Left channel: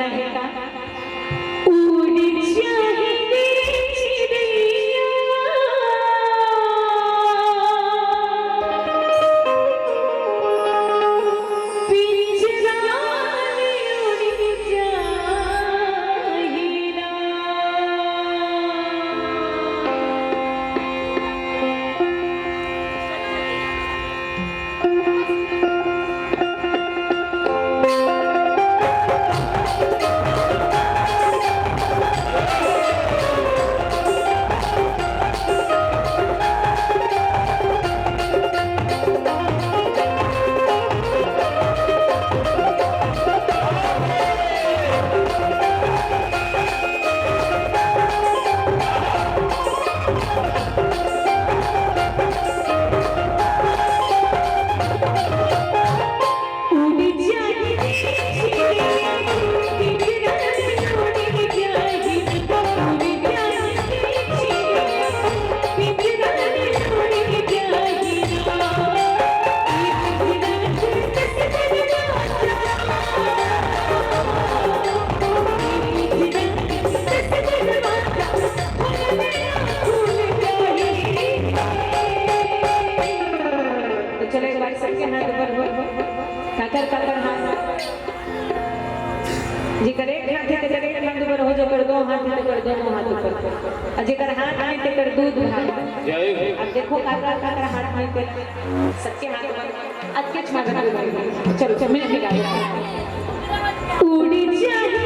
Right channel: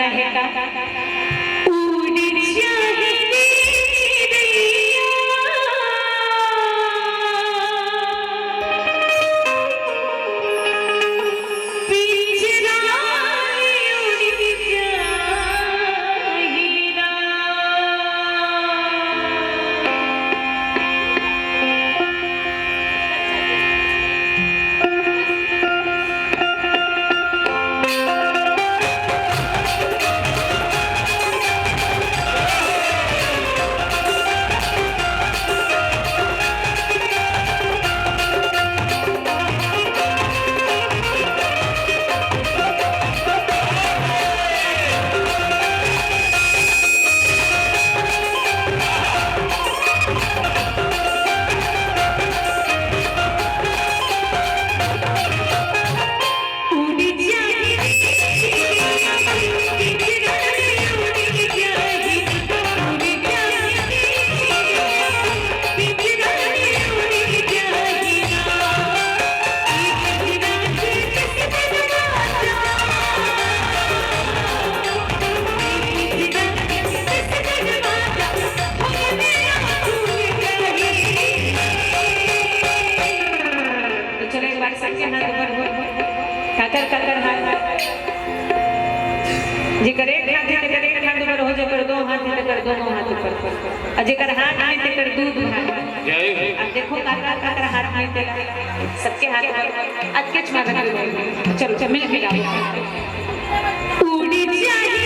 रहेगा। उड़ जाए जी करे एक हाथ से करे एक हाथ ऊपर हो जाए कर दो हाथ से कर दोनों हाथ ऊपर अजेकर हाथ में से कर दूध अब देखो काका काका हाथ में से सबके हाथ में आज के छमा कर चलो चलो मिल के गाओ उड़ी जाए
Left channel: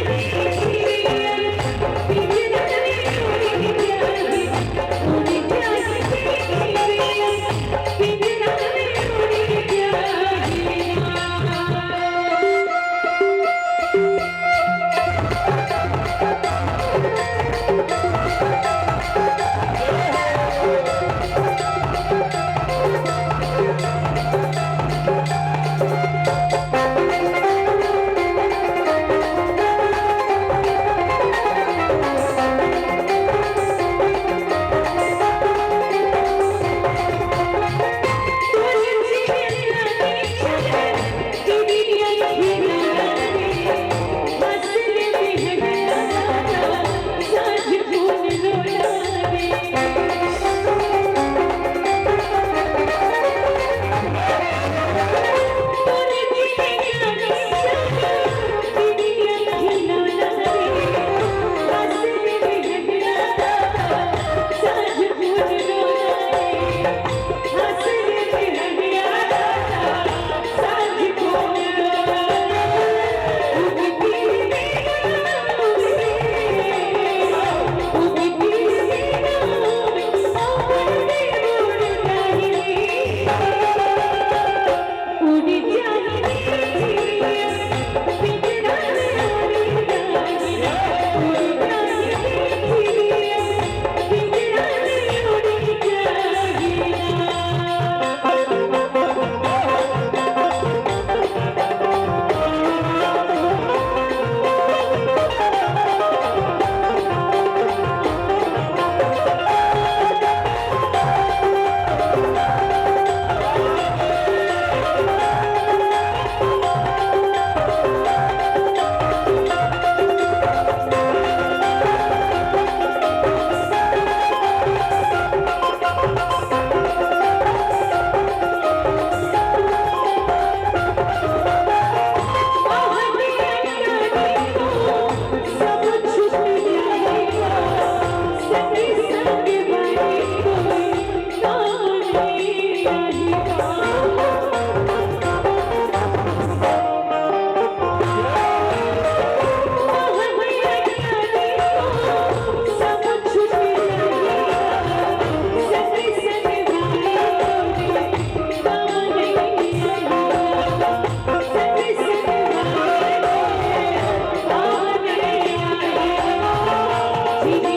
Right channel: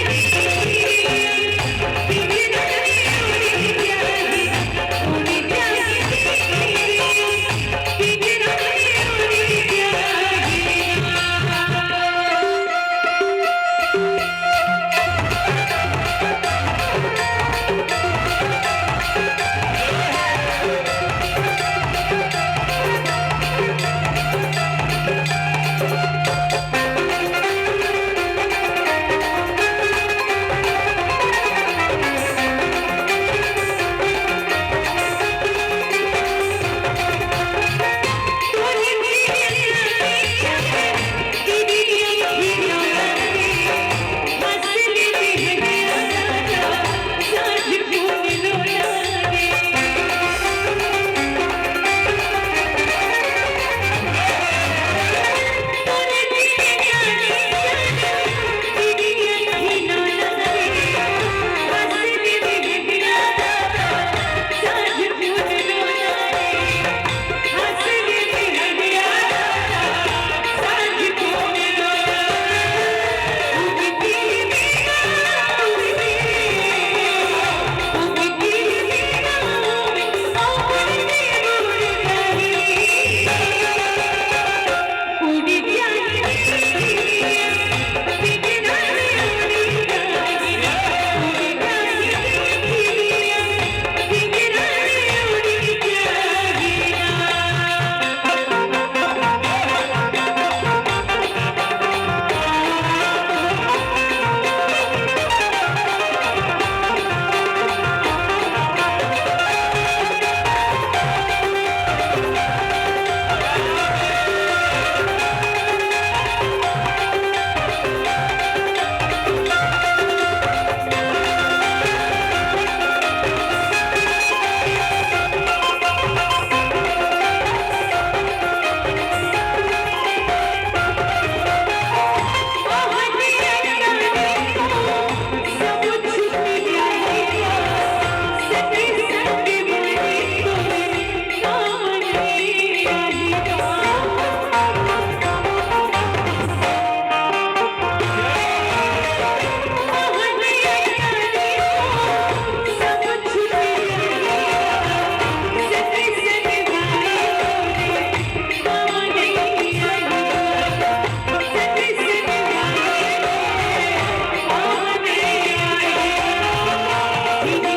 We